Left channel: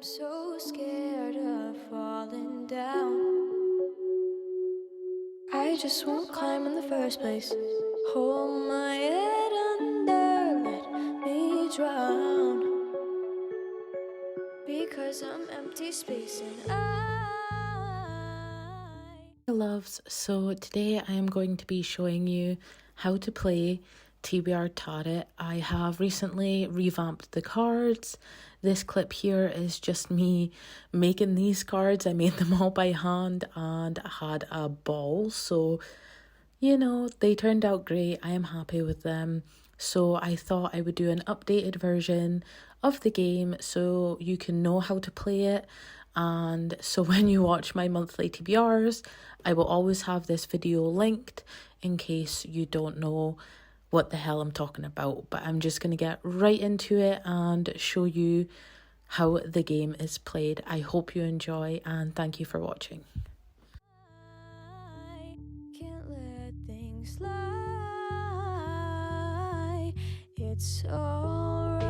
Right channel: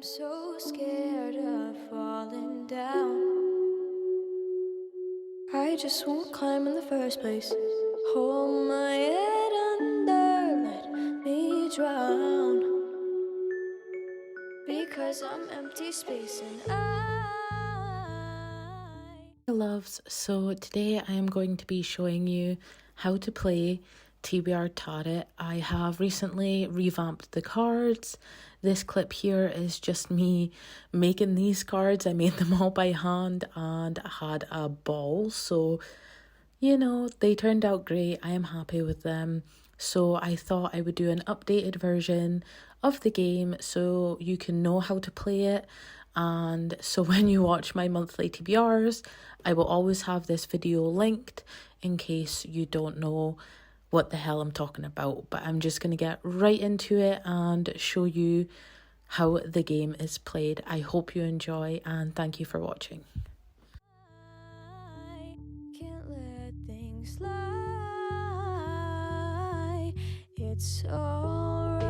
I'm so scared of falling down. I just won't climb in the first place. Hold my head under, let me drown. Because I'm empty space and Loves, so today I am going to be showing you how to play TBR Tarot. I have recently revamped the cards. This clip here is just me making these cards. I made them all by hand and had a ball, so you know, they turned out great. I am happy with them. So I thought I would do an updated version of the game so you can know how to play it. And so when you watch my monthly TBRs, I will always have this video linked in case you don't know what the hell I'm talking about. But I'm just going to get right into it and show you how the game is played. I hope you enjoy and thank you for watching. I can't let things lie. It's alright.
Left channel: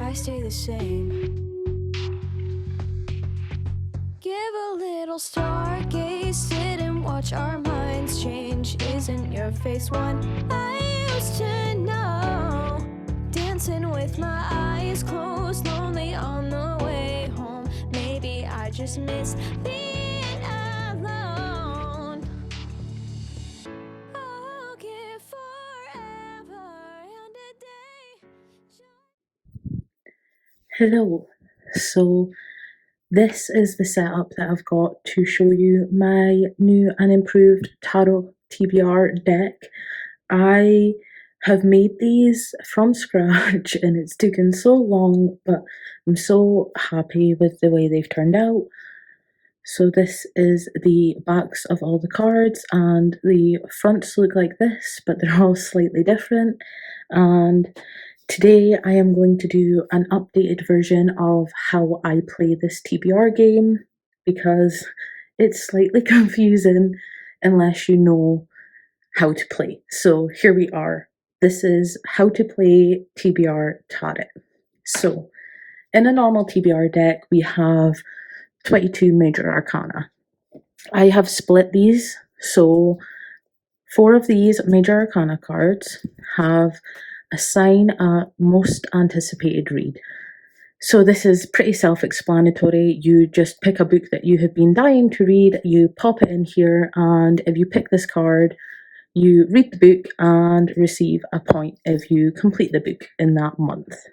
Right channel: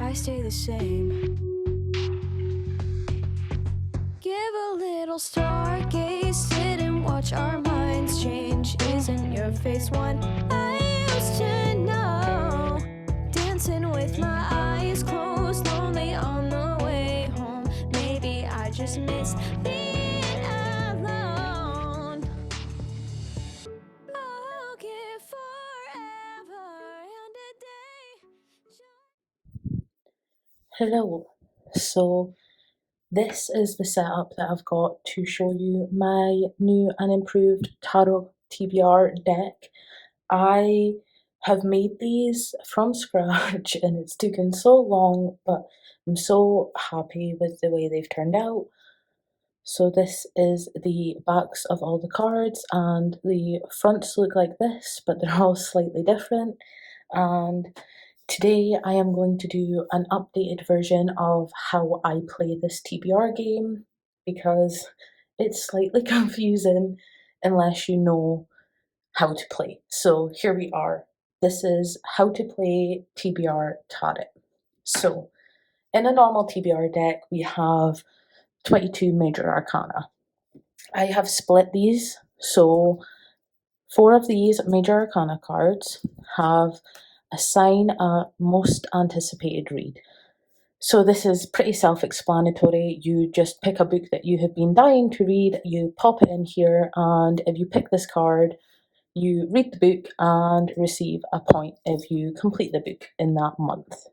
I stay the same. Give a little stargaze, sit and watch our minds change. Isn't your face one I used to know? Dancing with my eyes closed, lonely on the way home. Maybe I just miss being alone. I'll give forever and a day. Hello. So this is the setup that I've got to show you my new and improved Tarot TBR deck. I have made these from scratch and it's taken so long, but I'm so happy with the way they've turned out. So this is the backs of all the cards, and the fronts look like this, but they're all slightly different. And today I am going to do an updated version of how I play this TBR game because it's slightly confusing unless you know how to play. So here we are. This is how to play TBR Tarot. So in a normal TBR deck, we have 22 major arcana. I have split these, so 4 of these major arcana cards have assign a most anticipated read. So this is pretty self-explanatory. You just pick a book that you have been dying to read, you pop it in here, and if you pick this card, you read the book and receive a point if you complete the book in that month.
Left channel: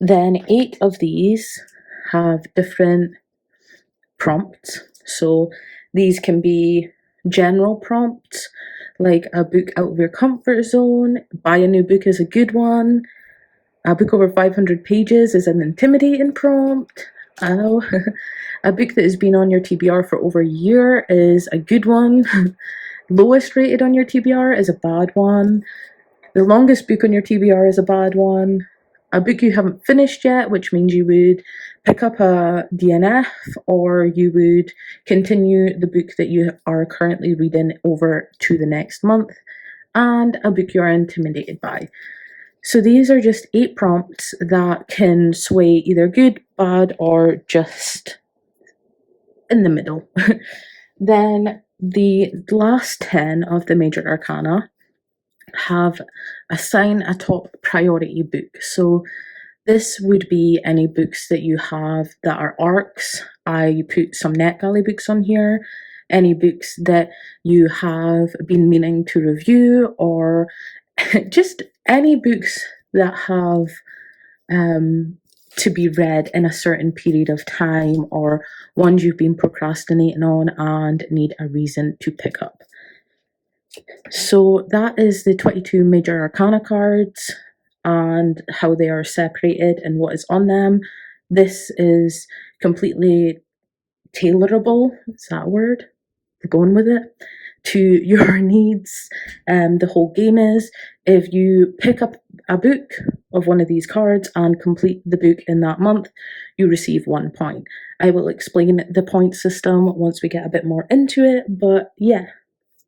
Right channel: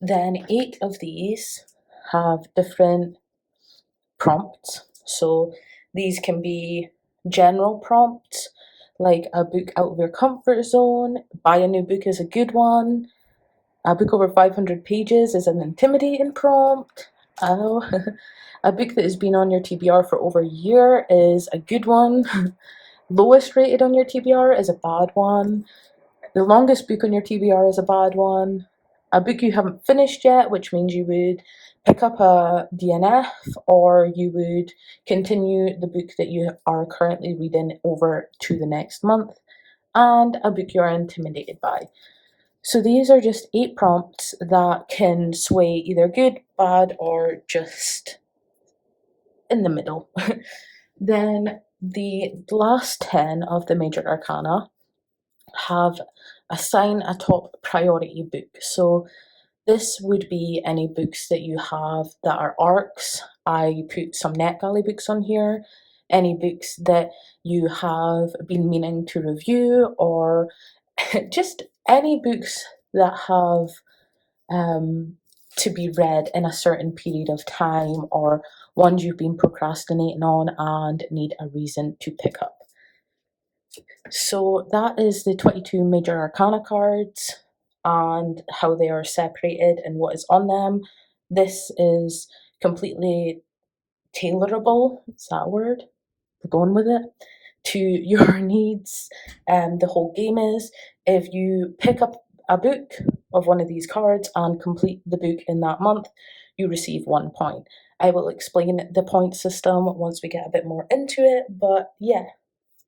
Then 8 of these have different prompts. So these can be general prompts, like a book out of your comfort zone, buy a new book is a good one, a book over 500 pages is an intimidating prompt, a book that has been on your TBR for over a year is a good one, lowest rated on your TBR is a bad one, the longest book on your TBR is a bad one, a book you haven't finished yet, which means you would pick up a DNF or you would continue the book that you are currently reading over to the next month, and a book you're intimidated by. So these are just 8 prompts that can sway either good, bad, or just in the middle. Then the last 10 of the major arcana have assign a top priority book. So this would be any books that you have that are arcs. I put some NetGalley books on here. Any books that you have been meaning to review, or just any books that have to be read in a certain period of time, or ones you've been procrastinating on and need a reason to pick up. So that is the 22 major arcana cards and how they are separated and what is on them. This is completely tailorable, is that a word? We're going with it, to your needs. The whole game is, if you pick up a book of one of these cards and complete the book in that month, you receive 1 point. I will explain the point system once we get a bit more into it, but yeah,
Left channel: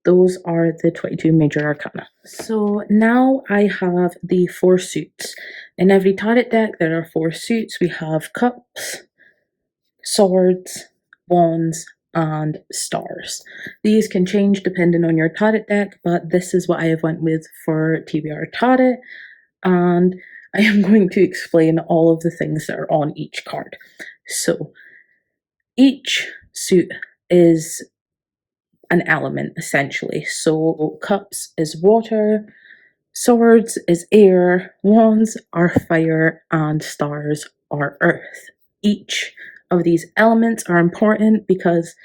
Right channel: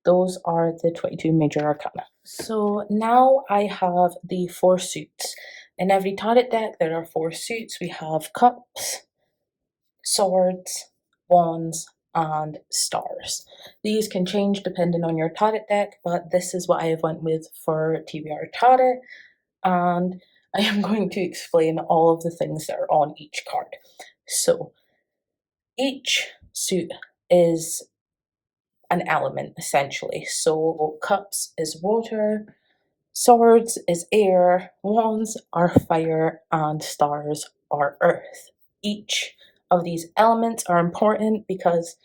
those are the 22 major arcana. So now I have the 4 suits. In every tarot deck there are 4 suits. We have cups, swords, wands, and stars. These can change depending on your tarot deck, but this is what I have went with for TBR Tarot, and I am going to explain all of the things that are on each card. So each suit is an element essentially. So cups is water, swords is air, wands are fire, and stars are earth. Each of these elements are important because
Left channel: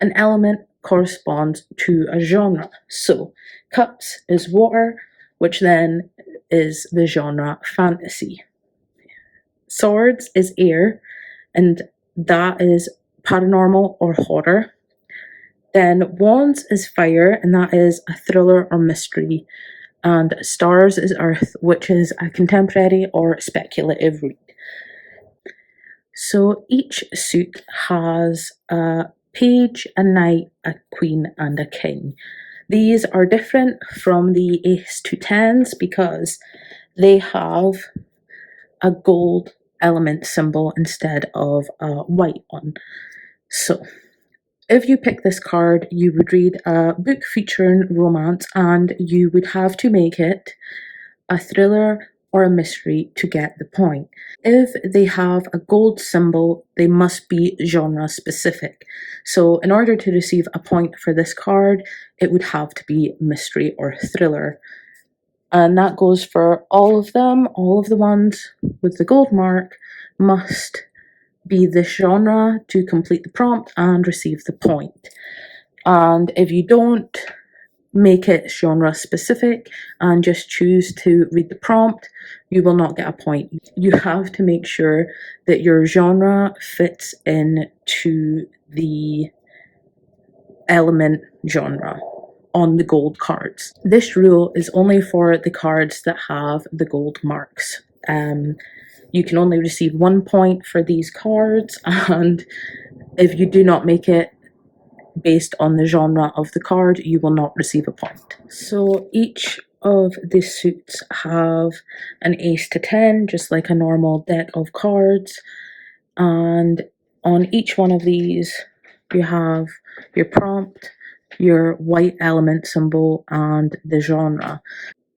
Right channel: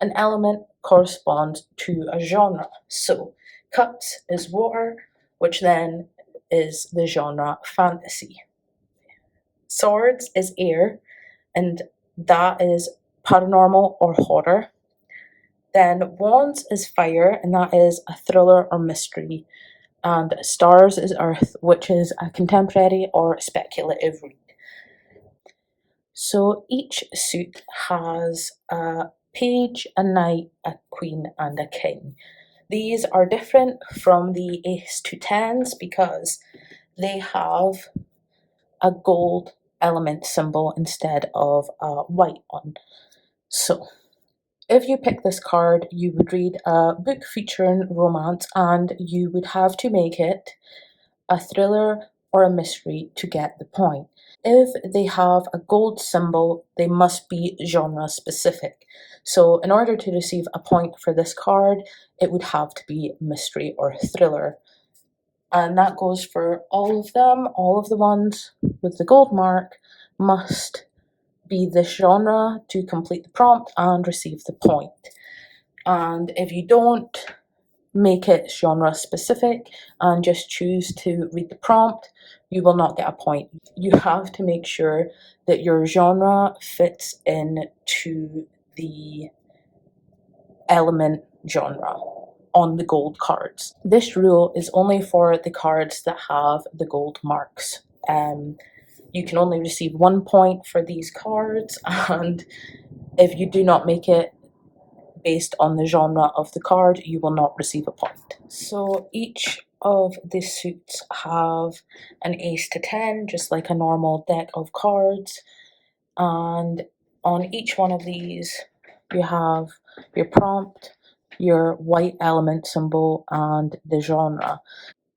an element corresponds to a genre. So cups is water, which then is the genre fantasy. Swords is air, and that is paranormal or horror. Then wands is fire, and that is a thriller or mystery. And stars is earth, which is a contemporary or speculative read. So each suit has a page, a knight, a queen, and a king. These are different from the ace to tens because they have a gold element symbol instead of a white one. So if you pick this card, you would read a book featuring romance, and you would have to make it a thriller or a mystery to get the point. If they have a gold symbol, they must be genre specific. So in order to receive a point for this card, it would have to be mystery or thriller. And that goes for all of them. All of the ones with the gold mark must be this genre to complete the prompt and receive the point. And if you don't make it genre specific and just choose to read the prompt, you will not get a point. You have to make sure that your genre fits into the element genre on the gold cards. This rule is only for the cards that have the gold marks. You can only receive 1 point for these cards, and if you do not make it based on the genre of the card, you will not receive a point. So each of the suits have an ace to 10, just like a normal deck of cards, and on each one of these you have your prompt, your white element symbol, and the genre.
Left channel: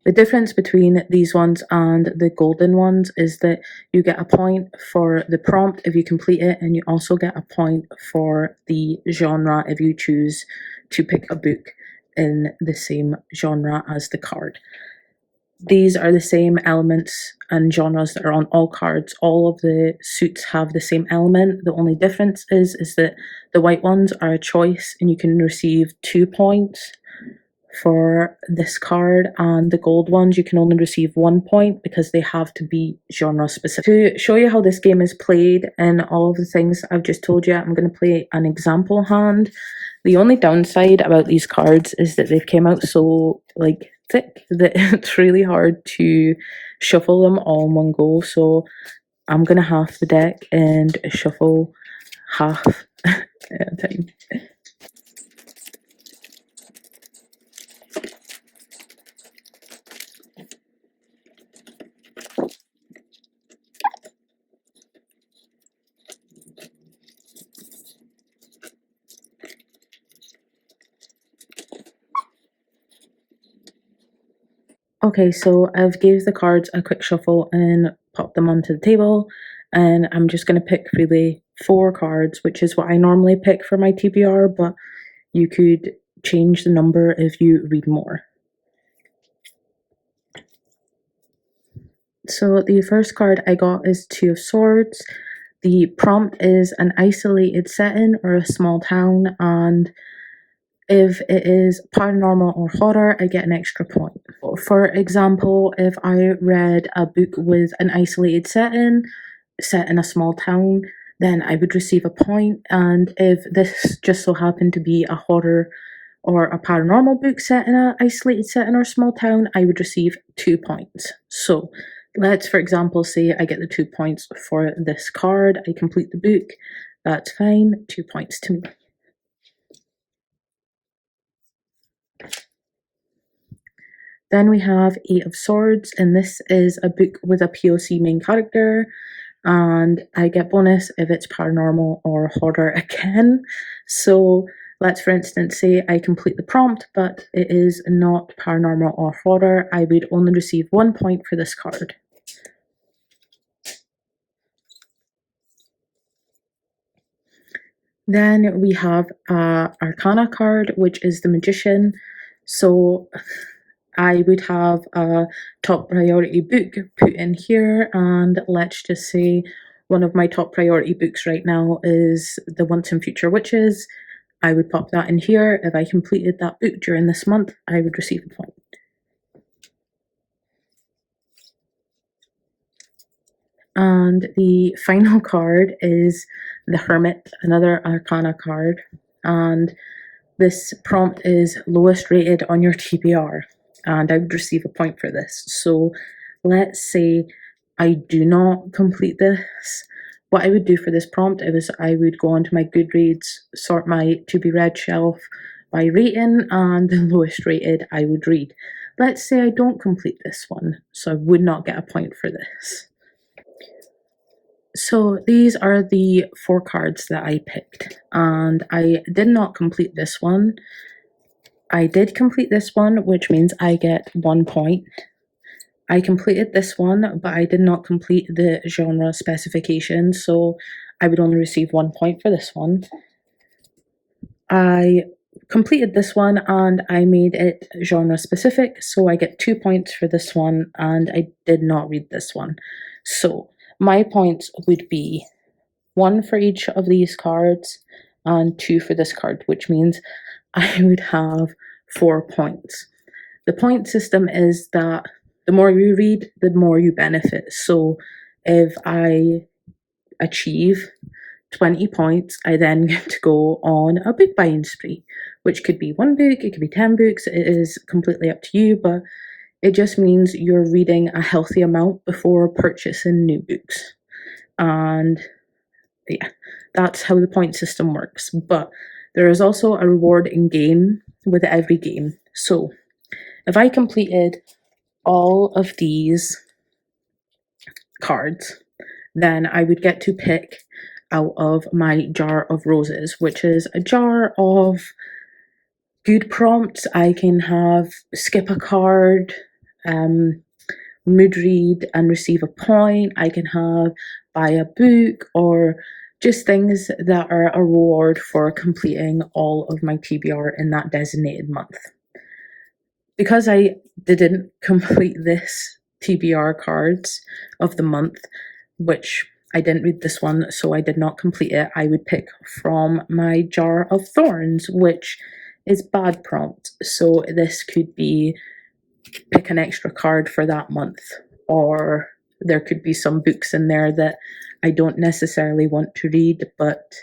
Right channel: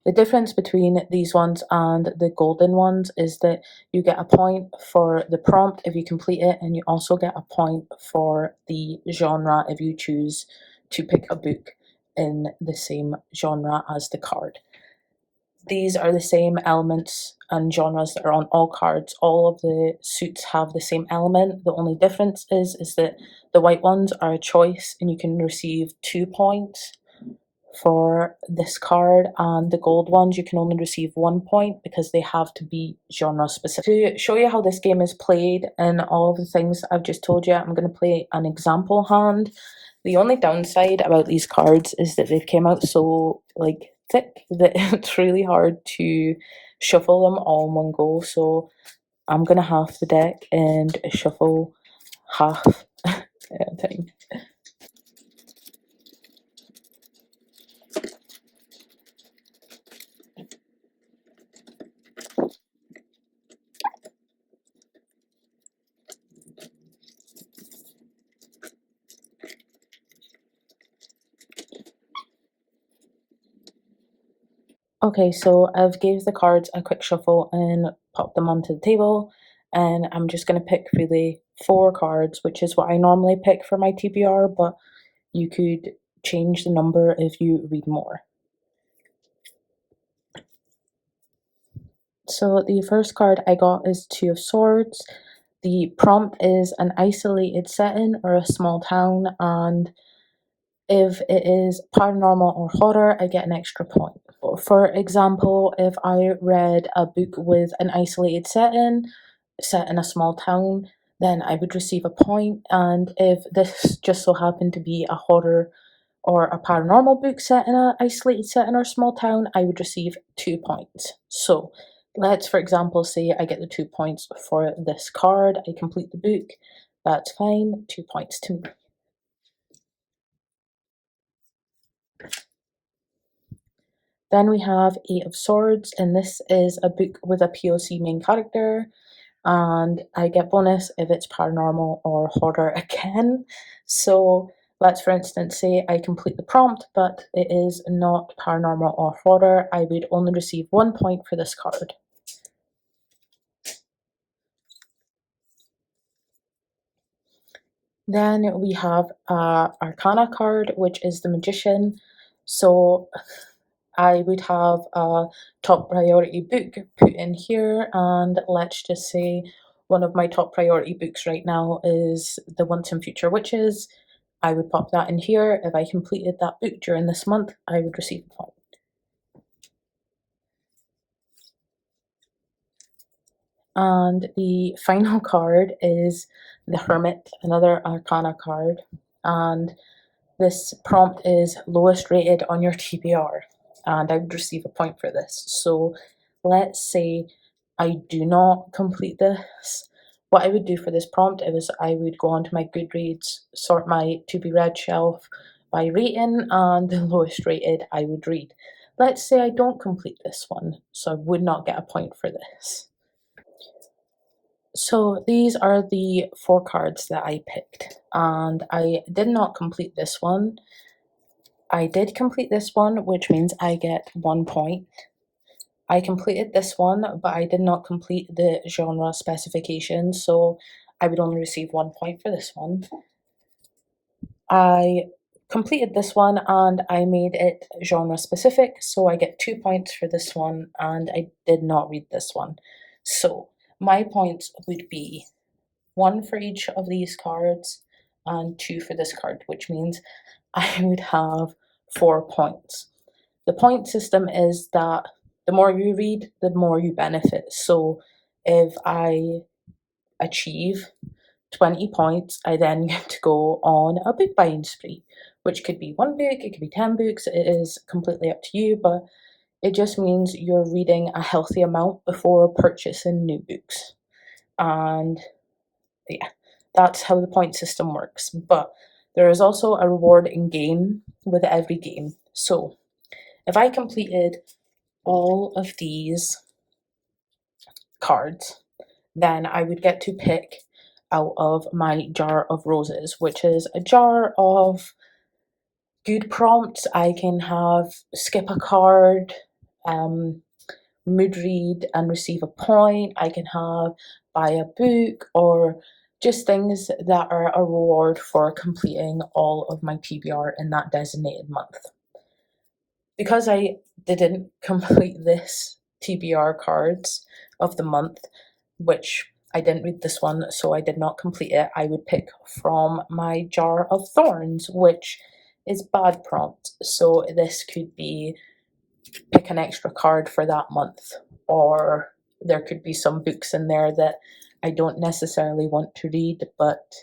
The difference between these ones and the golden ones is that you get a point for the prompt if you complete it, and you also get a point for the genre if you choose to pick a book in the same genre as the card. These are the same elements and genres that are on all cards. All of the suits have the same element. The only difference is that the white ones are a choice, and you can receive 2 points for this card, and the gold ones you can only receive 1 point because they have to be genre specific. To show you how this game is played and all of the things I've just told you, I'm going to play an example hand. The only downside about these cards is that they've came out so thick that it's really hard to shuffle them all in one go, so I'm going to half the deck and shuffle half at a time. Okay, so I've gave the cards a quick shuffle and popped them onto the table, and I'm just going to pick really 4 cards, which is what I normally pick for my TBR, but you could change the number if you read more. So the first card I got is 2 of Swords. The prompt is an isolated setting or a small town, and if it is paranormal or horror, I get an extra point. For example, if I read a book with an isolated setting, set in a small town, then I would receive a point. And if this just so happened to be a horror or a paranormal book set in an isolated setting or small town, I would receive 2 points. So let's, for example, say I get the 2 points for this card. I complete the book. That's fine. 2 points to me. Then we have Eight of Swords, and this is a book with a POC main character, and I get bonus if it's paranormal or horror again. So let's, for instance, say I complete the prompt, but it is not paranormal or horror. I would only receive 1 point for this card. Then we have Arcana card, which is the Magician. So I would have a top priority book put in here, and let's just say one of my top priority books right now is The Once and Future Witches. I would pop that in here. If I completed that book during this month, I would receive a point. And the final card is the Hermit, another Arcana card. And this prompt is lowest rated on your TBR, and I would receive a point for this. So let's say I do not complete this. What I would do for this prompt is I would go onto my Goodreads, sort my to be read shelf by rating, and the lowest rated I would read. Let's say I don't complete this one, so I would not get a point for this. So these are the 4 cards that I picked, and I did not complete this one. I did complete this one, which means I get 1 point. I completed this one, but I did not complete the genre specification, so I would only receive 1 point for this one. I completed this one and I made it genre specific, so I get 2 points for this one, and I did not read this one. So my points would be 1 for each of these cards and 2 for this card, which means I would have 4 points. The point system is that the more you read, the more you benefit. So if I achieve 20 points, I then get to go on a book buying spree, which could be 1 book, it could be 10 books, it is completely up to you, but it just means you're reading a healthy amount before purchasing new books. And yeah, that's how the point system works. But there is also a reward in game with every game. So if I completed all of these cards, then I would get to pick out of my jar of roses, which is a jar of good prompts. I can have skip a card, mood read and receive a point. I can have buy a book, or just things that are a reward for completing all of my TBR in that designated month. Because I didn't complete this TBR cards of the month, which I didn't read this one, so I did not complete it, I would pick from my jar of thorns, which is bad prompt. So this could be pick an extra card for that month, or there could be some books in there that I don't necessarily want to read but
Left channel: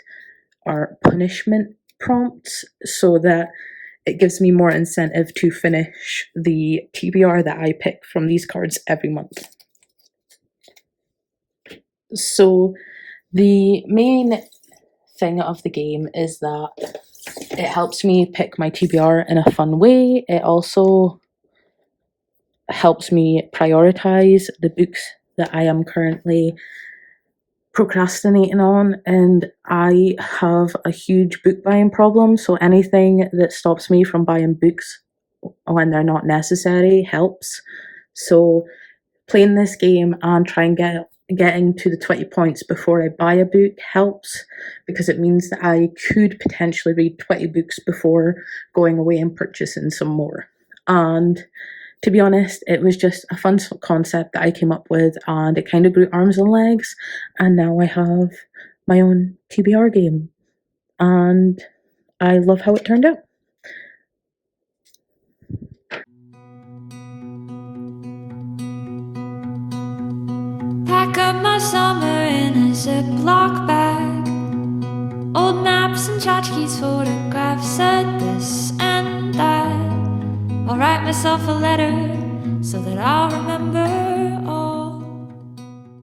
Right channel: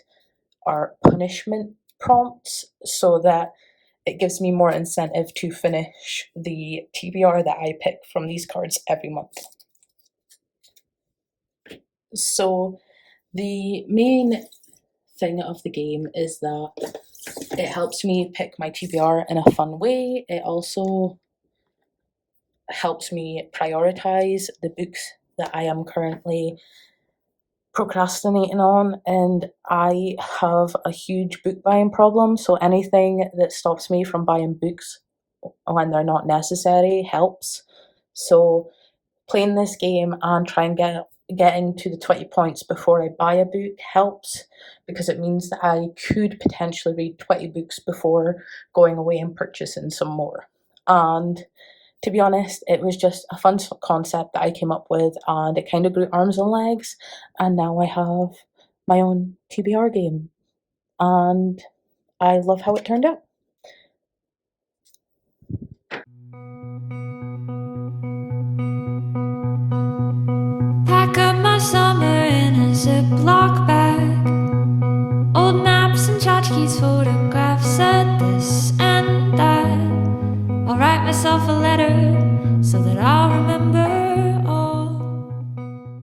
are punishment prompts, so that it gives me more incentive to finish the TBR that I pick from these cards every month. So the main thing of the game is that it helps me pick my TBR in a fun way. It also helps me prioritize the books that I am currently procrastinating on, and I have a huge book buying problem, so anything that stops me from buying books when they're not necessary helps. So playing this game and trying getting to the 20 points before I buy a book helps, because it means that I could potentially read 20 books before going away and purchasing some more. And to be honest, it was just a fun concept that I came up with, and it kind of grew arms and legs, and now I have my own TBR game, and I love how it turned out. Pack up my summer in a Ziploc bag. Old maps and tchotchkes, photographs of this and that. I'll write myself a letter so that I'll remember